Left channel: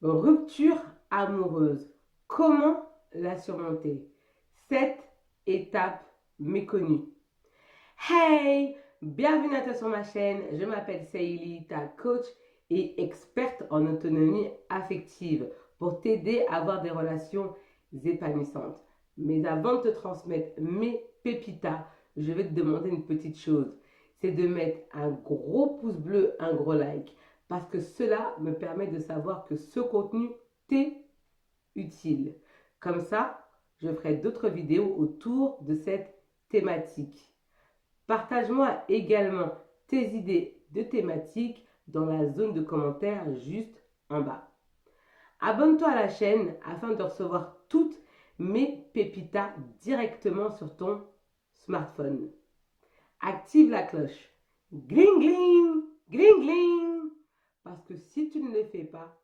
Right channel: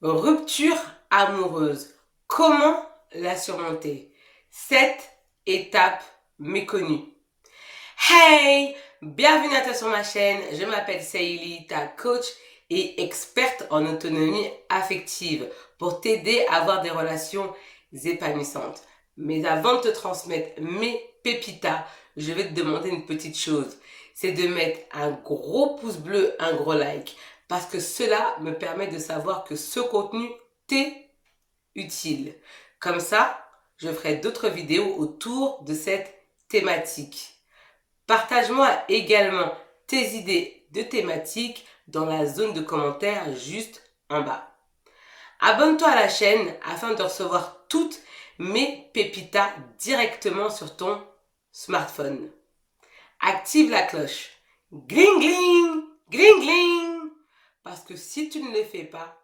Rupture amoureuse. Comment la surmonter? 7 étapes méconnues. Hey! Bienvenue à toi sur ma chaîne. Je m'appelle Saïli, ta coach et experte en autonomie affective pour t'aider à avoir des relations épanouissantes. Mais avant de te transmettre mes pépitas, je vais te demander une petite chose. C'est de mettre un gros pouce bleu, un gros like. Parce que cela me permet de savoir que ce contenu t'est utile. Comme ça, je ferai d'autres vidéos autour de cette thématique. Partage-moi également tes idées de thématiques dans la zone de commentaires juste en bas. Abonne-toi à la chaîne afin de recevoir toutes mes pépitas directement sur ton smartphone. Active la cloche. Gling gling, gling gling. Parce que si tu ne le fais pas,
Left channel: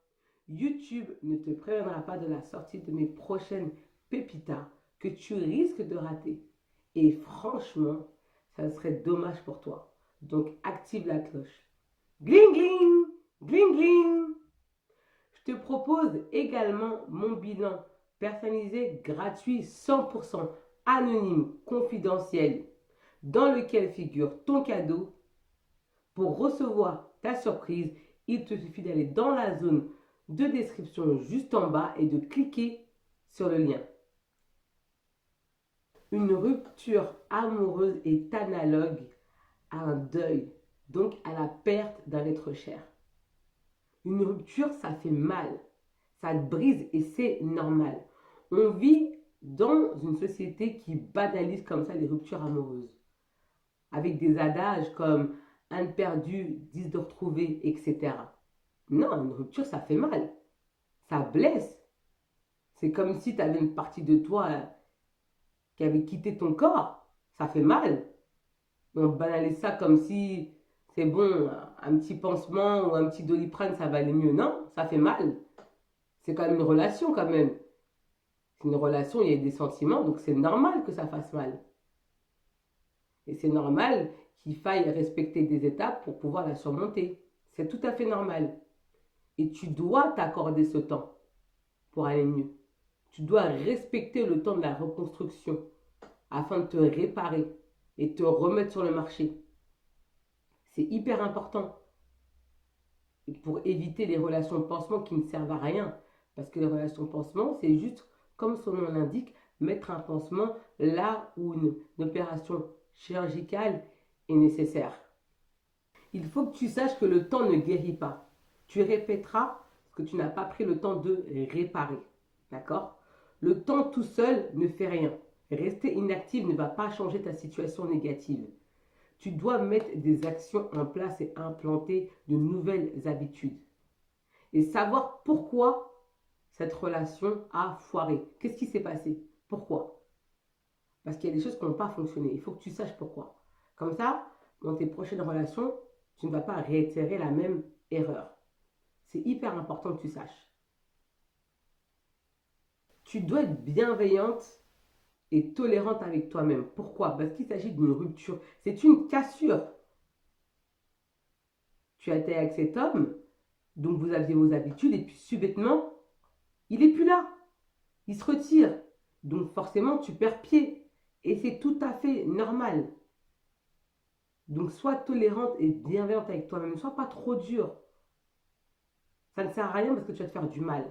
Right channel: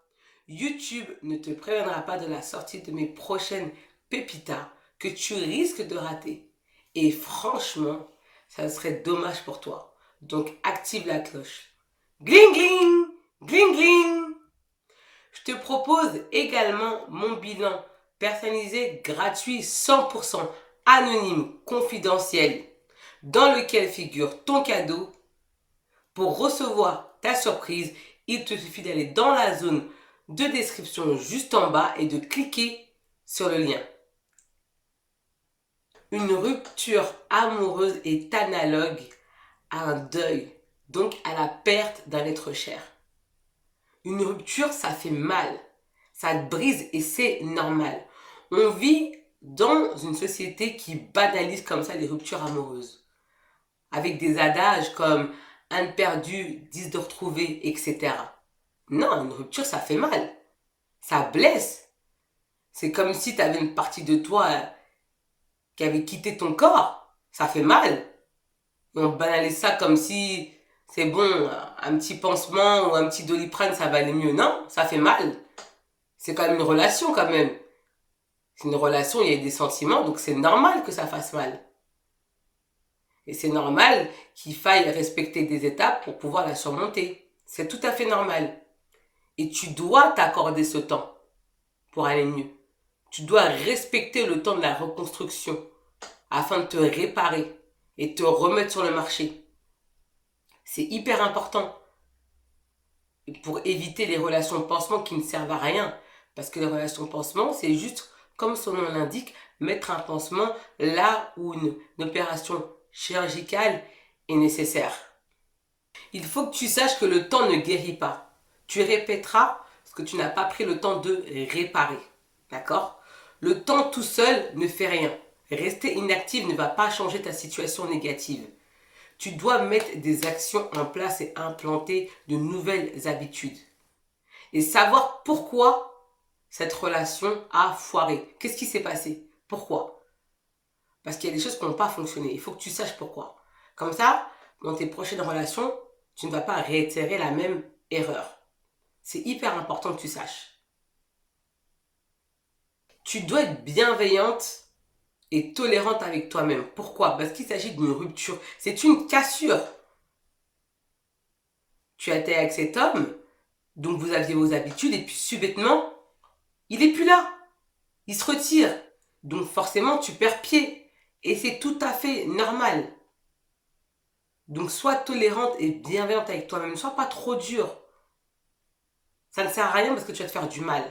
YouTube ne te préviendra pas de la sortie de mes prochaines pépitas que tu risques de rater. Et franchement, ça serait dommage pour toi. Donc active la cloche. Gling gling, gling gling. Je te propose également mon bilan personnalisé gratuit 100% anonyme, confidentiel, dans lequel figure ton cadeau. Pour recevoir ta surprise, il te suffit d'aller dans la zone de description juste en bas et de cliquer sur le lien. Une rupture amoureuse est analogue à un deuil, donc à la perte d'un être cher. Une rupture, ça fait mal, ça te brise et c'est normal. On vit dans une société qui banalise comme ça les ruptures amoureuses, avec des adages comme un de perdu, 10 de retrouvé, etc. Non, une rupture, ça fait mal, ça blesse. C'est comme si tu avais une partie de toi qui avait quitté ton corps, ça fait mal. On banalise ça comme si c'est bon, un petit pansement ou un petit Doliprane, ça va aller mieux. Non, ça fait mal. C'est quand même une relation quand même. C'est une relation, il y a des sentiments, donc c'est normal que ça fasse mal. Et c'est normal qu'il faille respecter des étapes pour pouvoir la surmonter. C'est tout à fait normal. Et tu dois t'accorder ce temps pour aller mieux. Tu dois respecter le temps de la reconstruction afin de te réparer et te remettre sur le marché. C'est hyper important pour éviter les relations pansement qui ne servent à rien. Parce que les relations pansement, c'est juste, comme son nom l'indique, mettre un pansement là où une opération chirurgicale est nécessaire. Il faut que tu saches que le temps ne guérit pas. Tu répéteras ce que tu n'as pas pris le temps de réparer. D'accord? Le temps tout seul ne fait rien. Rester inactif ne va pas changer ta situation négative. Tu dois mettre des actions en place et implanter de nouvelles habitudes. Et savoir pourquoi cette relation a foiré. Qu'est-ce qui s'est passé? Pourquoi? Parce qu'il y a des choses qui n'ont pas fonctionné. Il faut que tu saches pourquoi. Comme ça, dans tes prochaines relations, tu ne vas pas réitérer la même erreur. C'est hyper important que tu saches. Tu dois être bienveillante et tolérante avec toi-même. Pourquoi? Parce qu'il s'agit d'une rupture. C'est une cassure. Tu as été avec cet homme, donc vous aviez vos habitudes, et puis subitement, il n'est plus là. Il se retire. Donc forcément, tu perds pied. Et c'est tout à fait normal. Donc sois tolérante et bienveillante avec toi-même. Ne sois pas trop dur. Ça ne sert à rien parce que tu vas te faire du mal.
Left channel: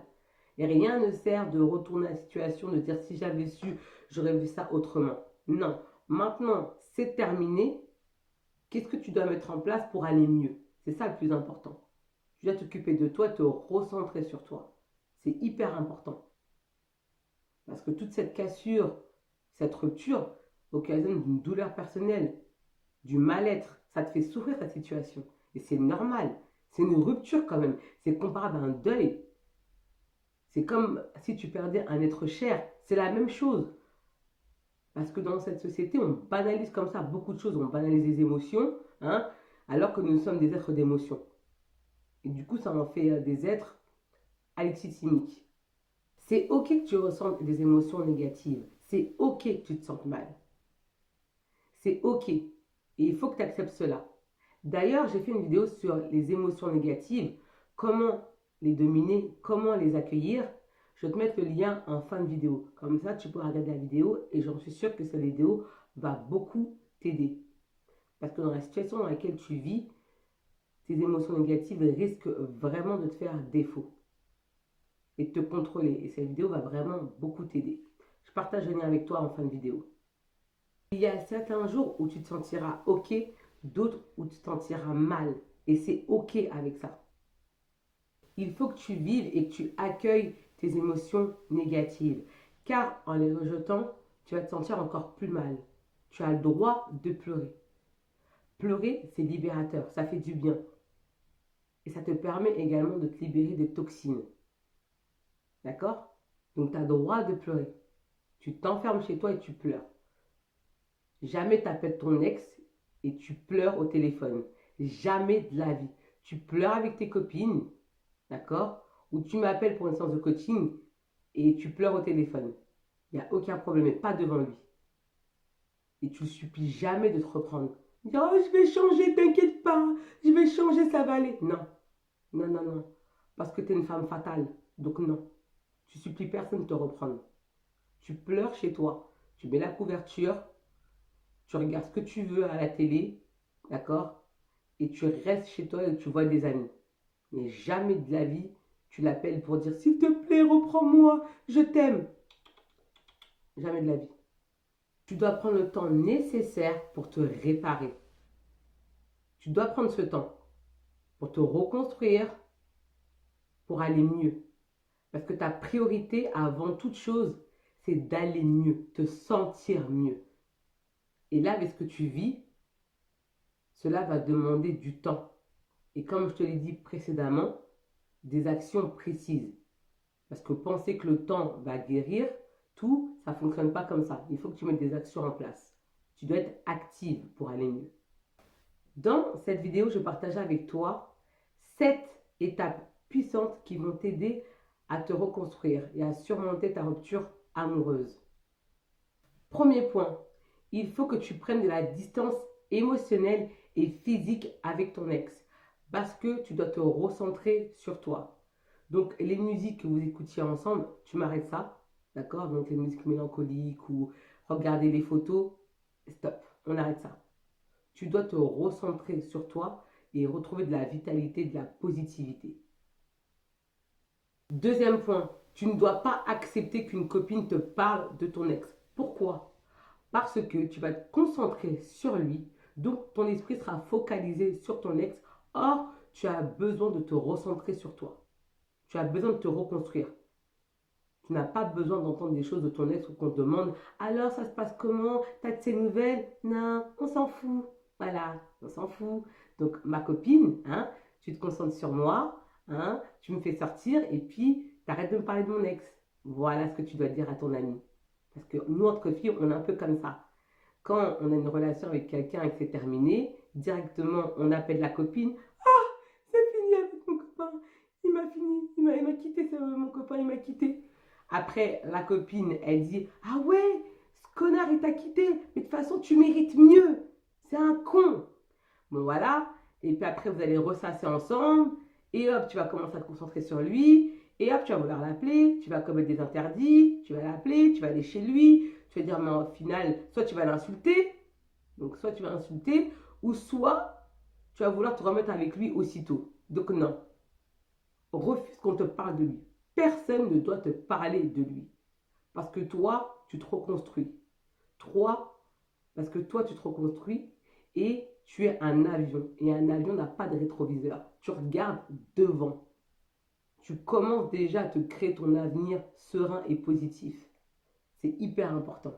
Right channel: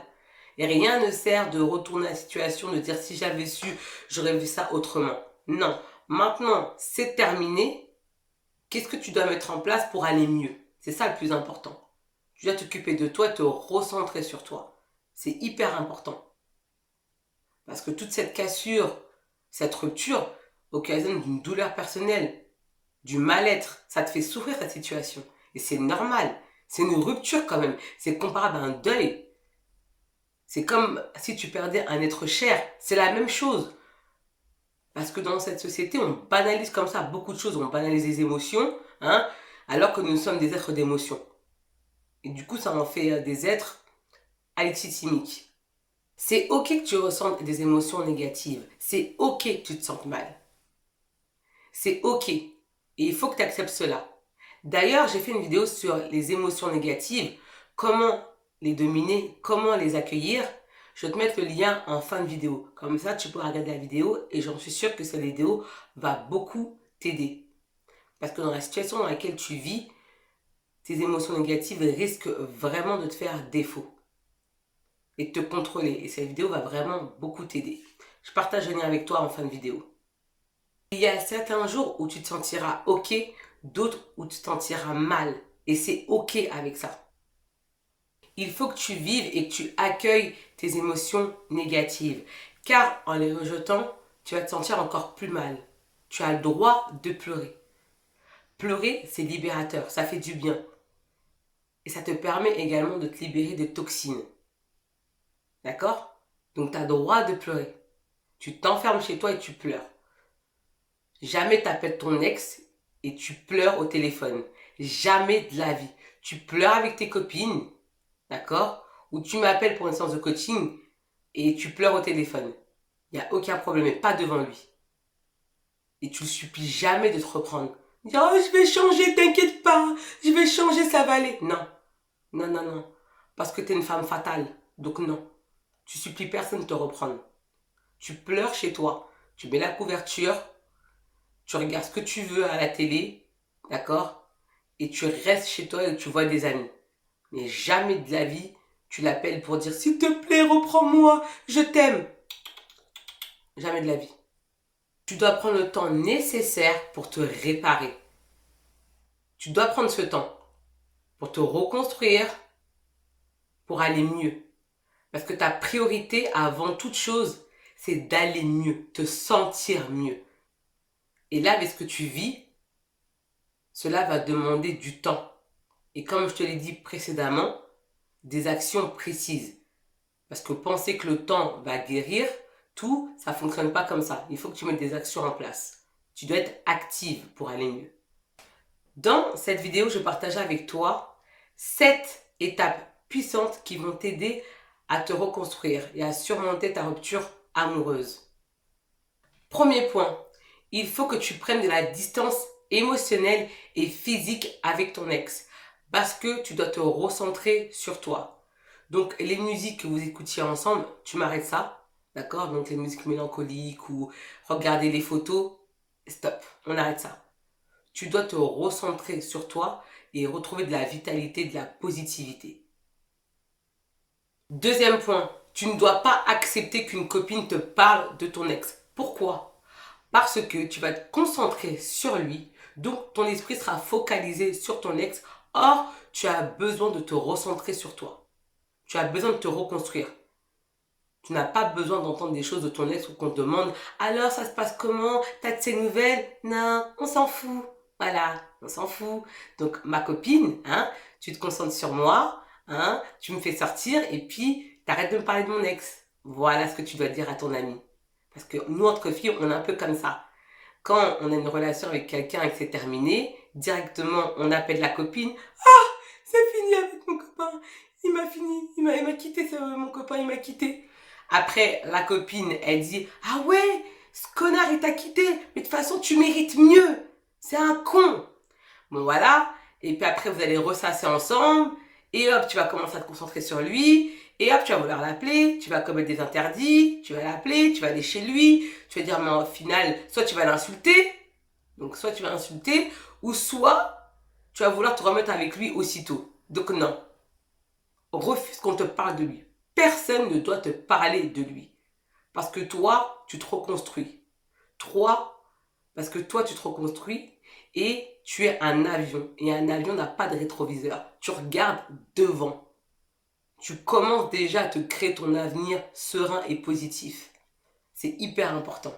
Et rien ne sert de retourner la situation, de dire si j'avais su, j'aurais vu ça autrement. Non. Maintenant, c'est terminé. Qu'est-ce que tu dois mettre en place pour aller mieux? C'est ça le plus important. Tu dois t'occuper de toi, te recentrer sur toi. C'est hyper important. Parce que toute cette cassure, cette rupture, occasionne d'une douleur personnelle, du mal-être. Ça te fait souffrir cette situation. Et c'est normal. C'est une rupture quand même. C'est comparable à un deuil. C'est comme si tu perdais un être cher. C'est la même chose. Parce que dans cette société, on banalise comme ça beaucoup de choses. On banalise les émotions, hein, alors que nous sommes des êtres d'émotion. Et du coup, ça en fait des êtres alexithymiques. C'est ok que tu ressentes des émotions négatives. C'est ok que tu te sentes mal. C'est ok. Et il faut que tu acceptes cela. D'ailleurs, j'ai fait une vidéo sur les émotions négatives, comment les dominer, comment les accueillir, je vais te mettre le lien en fin de vidéo. Comme ça, tu pourras regarder la vidéo et j'en suis sûre que cette vidéo va beaucoup t'aider. Parce que dans la situation dans laquelle tu vis, tes émotions négatives risquent vraiment de te faire défaut et de te contrôler. Et cette vidéo va vraiment beaucoup t'aider. Je partage le lien avec toi en fin de vidéo. Il y a certains jours où tu te sentiras ok, d'autres où tu te sentiras mal. Et c'est ok avec ça. Il faut que tu vives et que tu accueilles tes émotions négatives. Car en les rejetant, tu vas te sentir encore plus mal. Tu as le droit de pleurer. Pleurer, c'est libérateur, ça fait du bien. Et ça te permet également de te libérer de toxines. D'accord? Donc tu as le droit de pleurer. Tu t'enfermes chez toi et tu pleures. Jamais tu appelles ton ex et tu pleures au téléphone. Jamais de la vie. Tu pleures avec tes copines, d'accord? Ou tu m'appelles pour une séance de coaching et tu pleures au téléphone. Il n'y a aucun problème, mais pas devant lui. Et tu ne le supplies jamais de te reprendre. Dire, oh, je vais changer, t'inquiète pas, je vais changer, ça va aller. Non, non, non, non. Parce que tu es une femme fatale. Donc non. Tu supplies personne de te reprendre. Tu pleures chez toi. Tu mets la couverture. Tu regardes ce que tu veux à la télé. D'accord? Et tu restes chez toi et tu vois des amis. Mais jamais de la vie, tu l'appelles pour dire, s'il te plaît, reprends-moi, je t'aime. Jamais de la vie. Tu dois prendre le temps nécessaire pour te réparer. Tu dois prendre ce temps pour te reconstruire, pour aller mieux. Parce que ta priorité avant toute chose, c'est d'aller mieux, te sentir mieux. Et là, avec ce que tu vis, cela va demander du temps. Et comme je te l'ai dit précédemment, des actions précises. Parce que penser que le temps va guérir tout, ça ne fonctionne pas comme ça. Il faut que tu mettes des actions en place. Tu dois être active pour aller mieux. Dans cette vidéo, je partage avec toi 7 étapes puissantes qui vont t'aider à te reconstruire et à surmonter ta rupture amoureuse. Premier point, il faut que tu prennes de la distance émotionnelle et physique avec ton ex parce que tu dois te recentrer sur toi. Donc les musiques que vous écoutiez ensemble, tu m'arrêtes ça, d'accord? Donc les musiques mélancoliques ou regarder les photos, stop, on arrête ça. Tu dois te recentrer sur toi et retrouver de la vitalité, de la positivité. Deuxième point, tu ne dois pas accepter qu'une copine te parle de ton ex. Pourquoi? Parce que tu vas te concentrer sur lui, donc ton esprit sera focalisé sur ton ex. Or, tu as besoin de te recentrer sur toi. Tu as besoin de te reconstruire. Tu n'as pas besoin d'entendre des choses de ton ex ou qu'on te demande « Alors, ça se passe comment? T'as de ces nouvelles ?» Non, on s'en fout. Voilà, on s'en fout. Donc, ma copine, hein, tu te concentres sur moi, hein, tu me fais sortir et puis t'arrêtes de me parler de mon ex. Voilà ce que tu dois dire à ton ami. Parce que nous, entre filles, on est un peu comme ça. Quand on a une relation avec quelqu'un et que c'est terminé, directement, on appelle la copine. Ah, c'est fini avec mon copain. Il m'a fini. Il m'a quitté, mon copain, il m'a quitté. Après, la copine, elle dit, ah ouais, ce connard, il t'a quitté. Mais de toute façon, tu mérites mieux. C'est un con. Bon, voilà. Et puis après, vous allez ressasser ensemble. Et hop, tu vas commencer à te concentrer sur lui. Et hop, tu vas vouloir l'appeler, tu vas commettre des interdits, tu vas l'appeler, tu vas aller chez lui, tu vas dire, mais au final, soit tu vas l'insulter, donc soit tu vas l'insulter, ou soit tu vas vouloir te remettre avec lui aussitôt. Donc non, refuse qu'on te parle de lui. Personne ne doit te parler de lui. Parce que toi, tu te reconstruis. Parce que toi, tu te reconstruis et tu es un avion. Et un avion n'a pas de rétroviseur. Tu regardes devant. Tu commences déjà à te créer ton avenir serein et positif. C'est hyper important.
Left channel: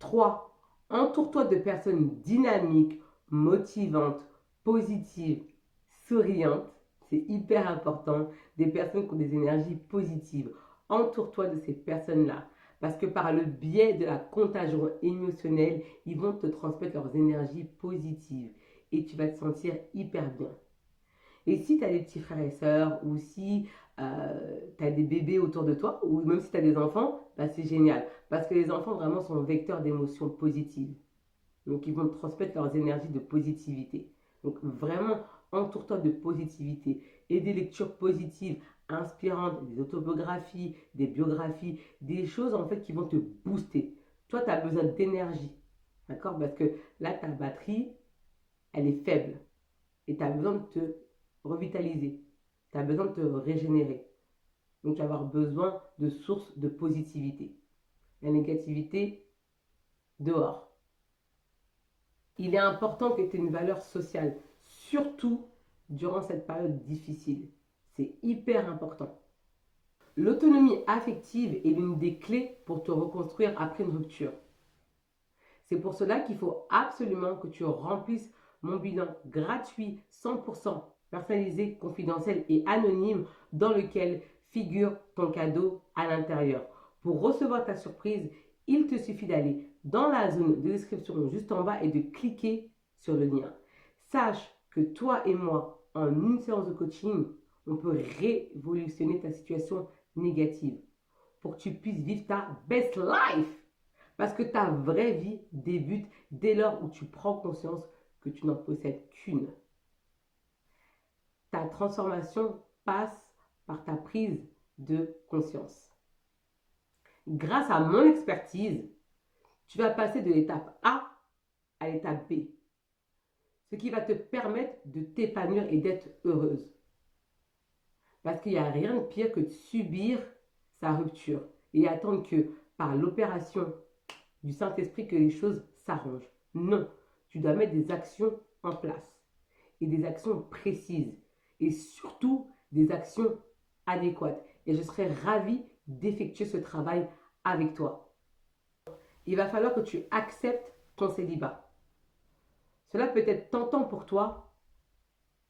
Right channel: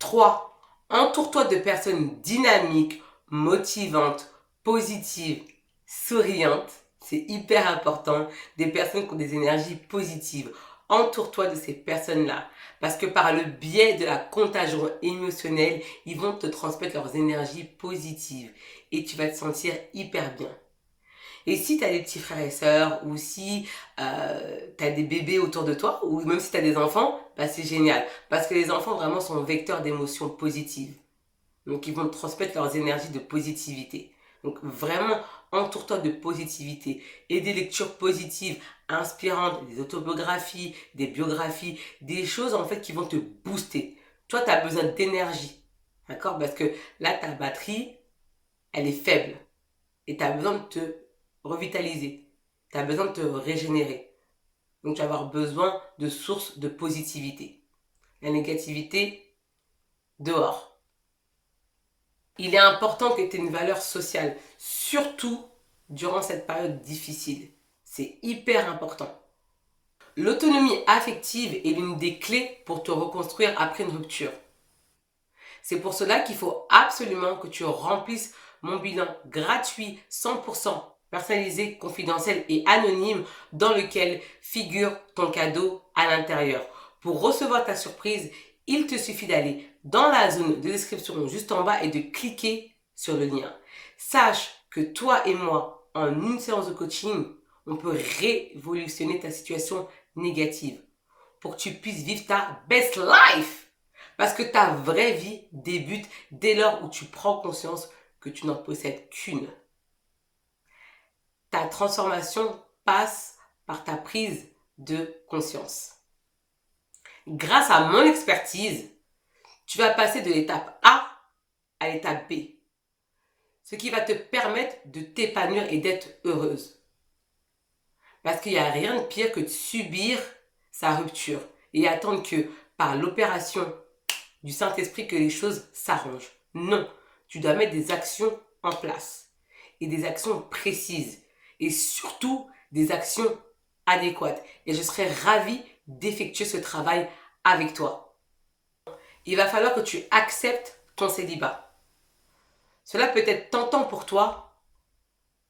3. Entoure-toi de personnes dynamiques, motivantes, positives, souriantes. C'est hyper important. Des personnes qui ont des énergies positives. Entoure-toi de ces personnes-là. Parce que par le biais de la contagion émotionnelle, ils vont te transmettre leurs énergies positives. Et tu vas te sentir hyper bien. Et si tu as des petits frères et sœurs, ou si tu as des bébés autour de toi, ou même si tu as des enfants, bah c'est génial. Parce que les enfants vraiment sont vecteurs d'émotions positives. Donc ils vont te transmettre leurs énergies de positivité. Donc vraiment, entoure-toi de positivité et des lectures positives, inspirantes, des autobiographies, des biographies, des choses en fait qui vont te booster. Toi, tu as besoin d'énergie, d'accord? Parce que là, ta batterie, elle est faible et tu as besoin de te revitaliser. Tu as besoin de te régénérer. Donc, tu vas avoir besoin de sources de positivité. La négativité, dehors. Il est important que tu aies une valeur sociale, surtout durant cette période difficile. C'est hyper important. L'autonomie affective est l'une des clés pour te reconstruire après une rupture. C'est pour cela qu'il faut absolument que tu remplisses mon bilan gratuit, 100% personnalisé, confidentiel et anonyme dans lequel figure ton cadeau à l'intérieur. Pour recevoir ta surprise, il te suffit d'aller dans la zone de description juste en bas et de cliquer sur le lien. Sache que toi et moi, en une séance de coaching, on peut révolutionner ta situation négative pour que tu puisses vivre ta best life. Parce que ta vraie vie débute dès lors où tu prends conscience que tu n'en possèdes qu'une. Ta transformation passe par ta prise de conscience. Grâce à mon expertise, tu vas passer de l'étape A à l'étape B. Ce qui va te permettre de t'épanouir et d'être heureuse. Parce qu'il n'y a rien de pire que de subir sa rupture et attendre que par l'opération du Saint-Esprit que les choses s'arrangent. Non, tu dois mettre des actions en place et des actions précises et surtout des actions adéquates. Et je serai ravie d'effectuer ce travail avec toi. Il va falloir que tu acceptes ton célibat. Cela peut être tentant pour toi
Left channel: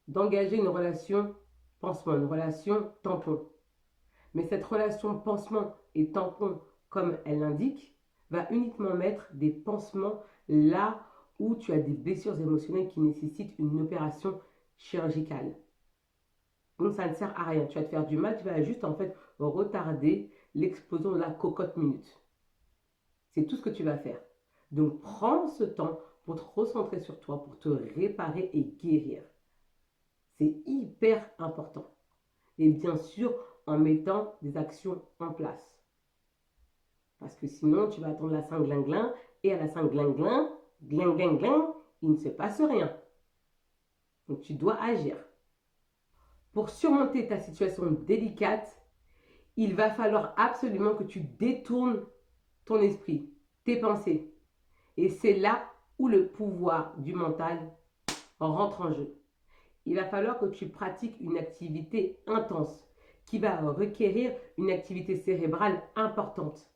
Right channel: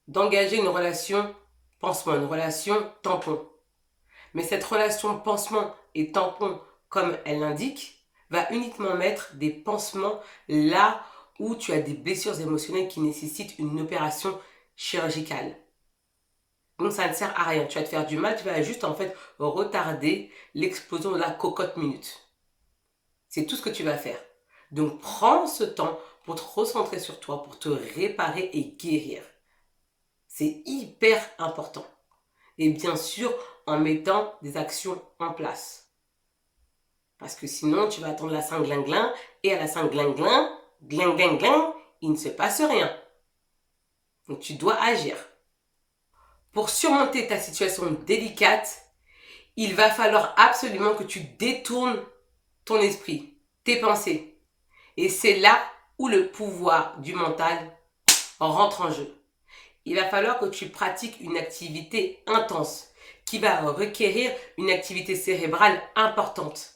d'engager une relation pansement, une relation tampon. Mais cette relation pansement et tampon, comme elle l'indique, va uniquement mettre des pansements là où tu as des blessures émotionnelles qui nécessitent une opération chirurgicale. Donc ça ne sert à rien. Tu vas te faire du mal, tu vas juste en fait retarder l'explosion de la cocotte minute. C'est tout ce que tu vas faire. Donc prends ce temps pour te recentrer sur toi, pour te réparer et guérir. C'est hyper important. Et bien sûr, en mettant des actions en place. Parce que sinon, tu vas attendre la Saint-Glinglin et à la Saint-Glinglin, glin, il ne se passe rien. Donc tu dois agir. Pour surmonter ta situation délicate, il va falloir absolument que tu détournes ton esprit, tes pensées. Et c'est là où le pouvoir du mental rentre en jeu. Il va falloir que tu pratiques une activité intense qui va requérir une activité cérébrale importante.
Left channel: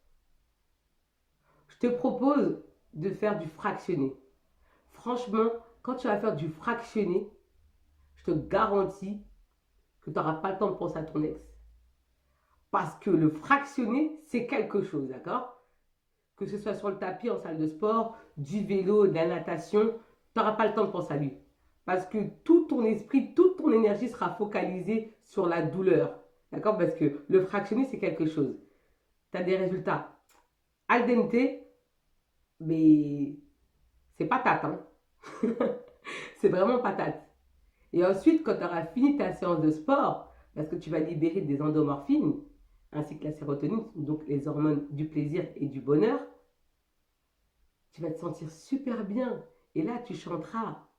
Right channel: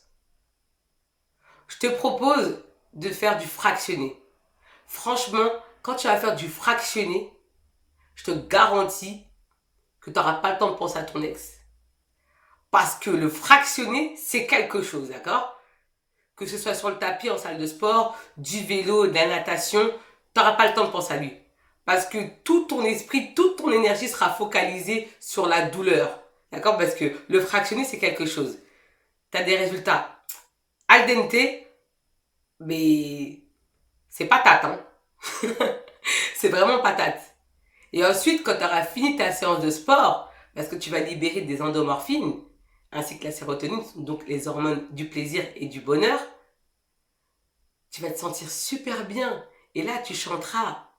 Je te propose de faire du fractionné. Franchement, quand tu vas faire du fractionné, je te garantis que tu n'auras pas le temps de penser à ton ex. Parce que le fractionné, c'est quelque chose, d'accord? Que ce soit sur le tapis, en salle de sport, du vélo, de la natation, tu n'auras pas le temps de penser à lui. Parce que tout ton esprit, toute ton énergie sera focalisée sur la douleur. D'accord? Parce que le fractionné, c'est quelque chose. Tu as des résultats al dente, mais c'est patate. Hein? C'est vraiment patate. Et ensuite, quand tu auras fini ta séance de sport, parce que tu vas libérer des endomorphines, ainsi que la sérotonine, donc les hormones du plaisir et du bonheur, tu vas te sentir super bien. Et là, tu chanteras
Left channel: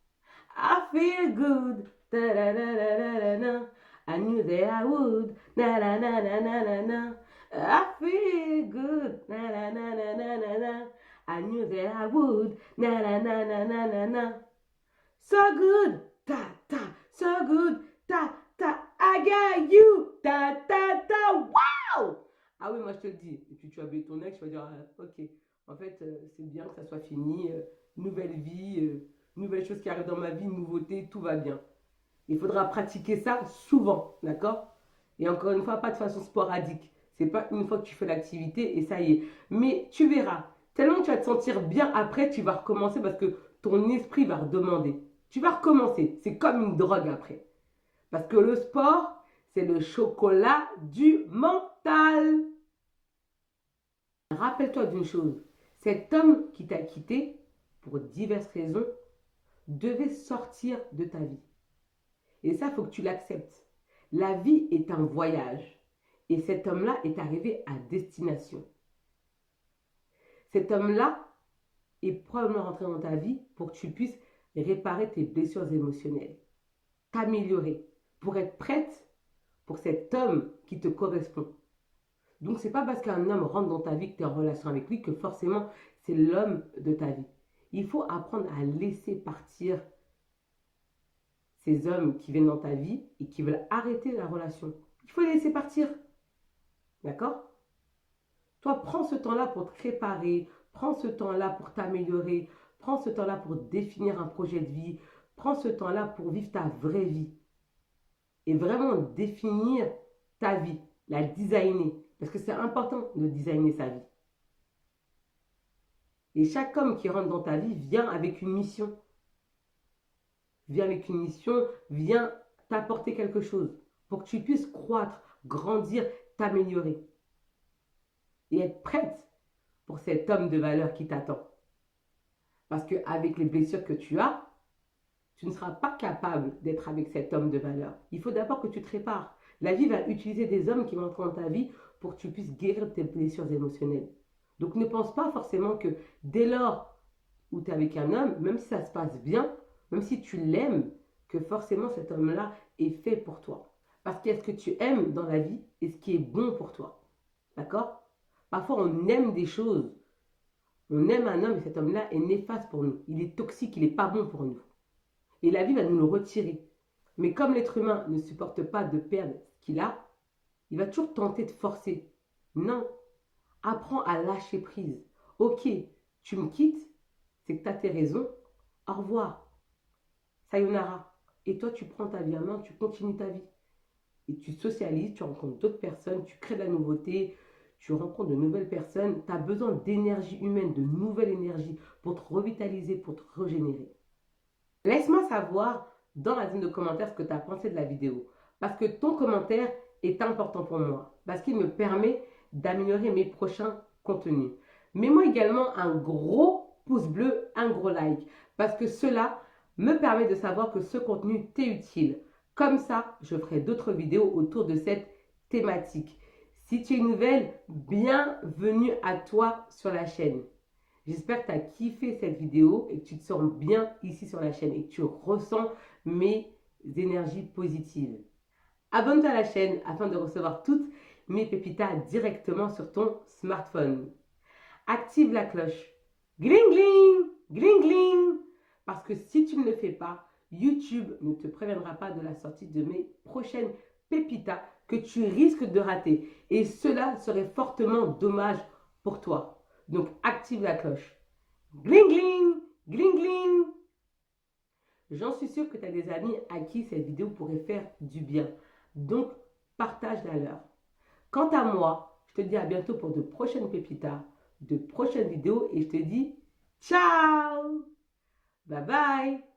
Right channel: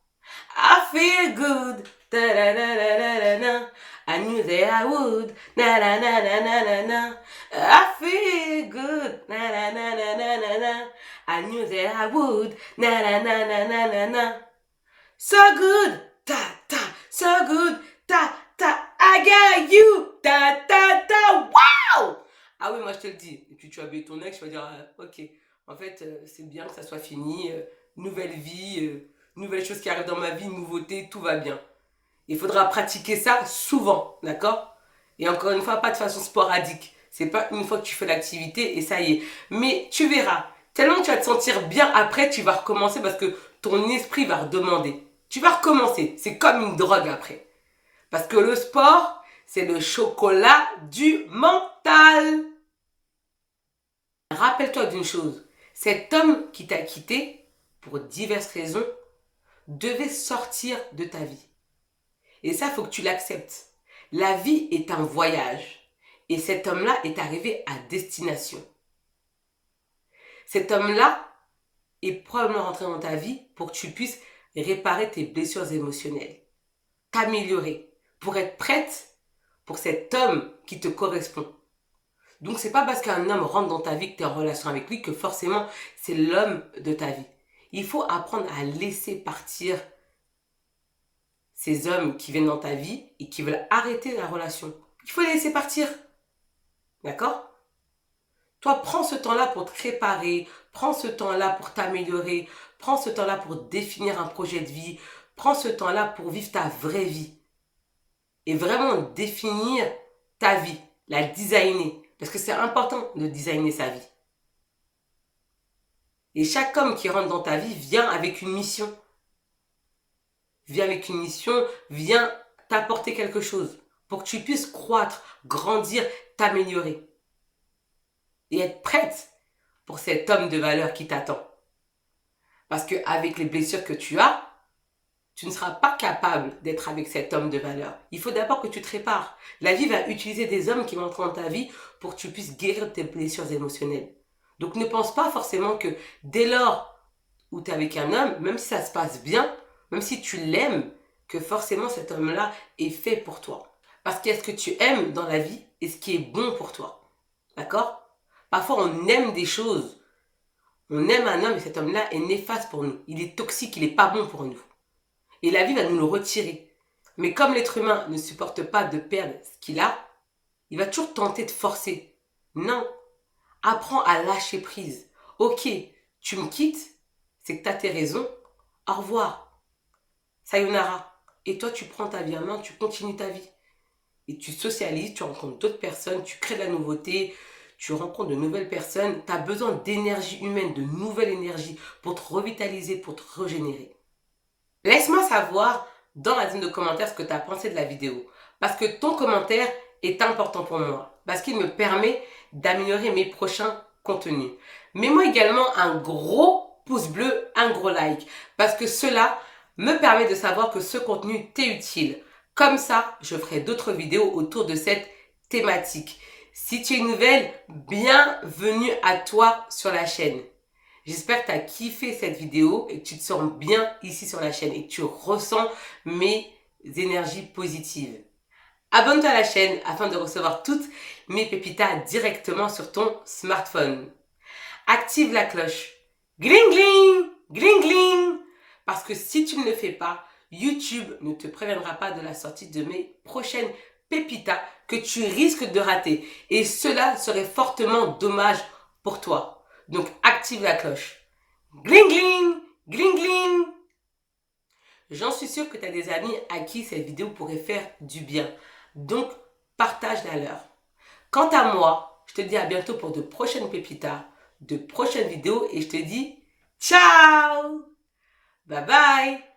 I feel good. Da, da, da, da, da, da, da. I knew that I would. Na, na, na, na, na, na, na. I feel good. Na, na, na, na, na, na, na. I knew that I would. Na, na, na, na, na, na, na. So good. Ta, ta. So good. Ta, ta. I got you. Ta, ta, ta. Wow! Ah oui, moi je te le dis. Et puis tu vas baisser ton ex, tu vas dire, ok, en fait, c'est bien que ça soit fini. Nouvelle vie. Nouvelles choses qui arrivent dans ma vie, nouveautés, tout va bien. Il faudra pratiquer ça souvent, d'accord? Et encore une fois, pas de façon sporadique. C'est pas une fois que tu fais l'activité et ça y est. Mais tu verras, tellement que tu vas te sentir bien après, tu vas recommencer parce que ton esprit va redemander. Tu vas recommencer. C'est comme une drogue après. Parce que le sport, c'est le chocolat du mental. Rappelle-toi d'une chose. Cet homme qui t'a quitté, pour diverses raisons, devait sortir de ta vie. Et ça, il faut que tu l'acceptes. La vie est un voyage. Et cet homme-là est arrivé à destination. Cet homme-là est probablement rentré dans ta vie pour que tu puisses réparer tes blessures émotionnelles, t'améliorer, pour être prête pour cet homme qui te correspond. Donc c'est pas parce qu'un homme rentre dans ta vie que tu es en relation avec lui que forcément c'est l'homme de ta vie. Il faut apprendre à laisser partir ces hommes qui viennent dans ta vie et qui veulent arrêter la relation. Il faut les laisser partir. D'accord? Toi, prends ce temps-là pour te réparer, prends ce temps-là pour t'améliorer, prends ce temps-là pour définir un projet de vie, prends ce temps-là pour vivre ta vraie vie. Et vraiment définir ta vie, la designer. Parce que c'est important de designer sa vie. Et chaque homme qui rentre dans ta vie vient avec une mission. Vient avec une mission, vient t'apporter quelque chose pour que tu puisses croître, grandir, t'améliorer. Et être prête pour cet homme de valeur qui t'attend. Parce qu'avec les blessures que tu as, tu ne seras pas capable d'être avec cet homme de valeur. Il faut d'abord que tu te répares. La vie va utiliser des hommes qui vont entrer dans ta vie pour que tu puisses guérir tes blessures émotionnelles. Donc ne pense pas forcément que dès lors où tu es avec un homme, même si ça se passe bien, même si tu l'aimes, que forcément cet homme-là est fait pour toi. Parce qu'il y a ce que tu aimes dans la vie et ce qui est bon pour toi. D'accord? Parfois on aime des choses. On aime un homme et cet homme-là est néfaste pour nous. Il est toxique, il n'est pas bon pour nous. Et la vie va nous le retirer. Mais comme l'être humain ne supporte pas de perdre ce qu'il a, il va toujours tenter de forcer. Non. Apprends à lâcher prise. Ok, tu me quittes, c'est que tu as tes raisons. Au revoir. Sayonara. Et toi, tu prends ta vie en main, tu continues ta vie. Et tu socialises, tu rencontres d'autres personnes, tu crées de la nouveauté, tu rencontres de nouvelles personnes. Tu as besoin d'énergie humaine, de nouvelle énergie pour te revitaliser, pour te régénérer. Laisse-moi savoir dans la zone de commentaires ce que tu as pensé de la vidéo. Parce que ton commentaire est important pour moi. Parce qu'il me permet d'améliorer mes prochains contenus. Mets-moi également un gros pouce bleu, un gros like. Parce que cela me permet de savoir que ce contenu t'est utile. Comme ça, je ferai d'autres vidéos autour de cette thématique. Si tu es nouvelle, bienvenue à toi sur la chaîne. J'espère que tu as kiffé cette vidéo et que tu te sens bien ici sur la chaîne et que tu ressens mes énergies positives. Abonne-toi à la chaîne afin de recevoir toutes mes pépitas directement sur ton smartphone. Active la cloche. Gling gling, gling gling. Parce que si tu ne le fais pas, YouTube ne te préviendra pas de la sortie de mes prochaines pépitas que tu risques de rater. Et cela serait fortement dommage pour toi. Donc, active la cloche. Gling, gling, gling, gling. J'en suis sûre que tu as des amis à qui cette vidéo pourrait faire du bien. Donc, partage-la leur. Quant à moi, je te dis à bientôt pour de prochaines pépitas, de prochaines vidéos et je te dis ciao. Bye bye.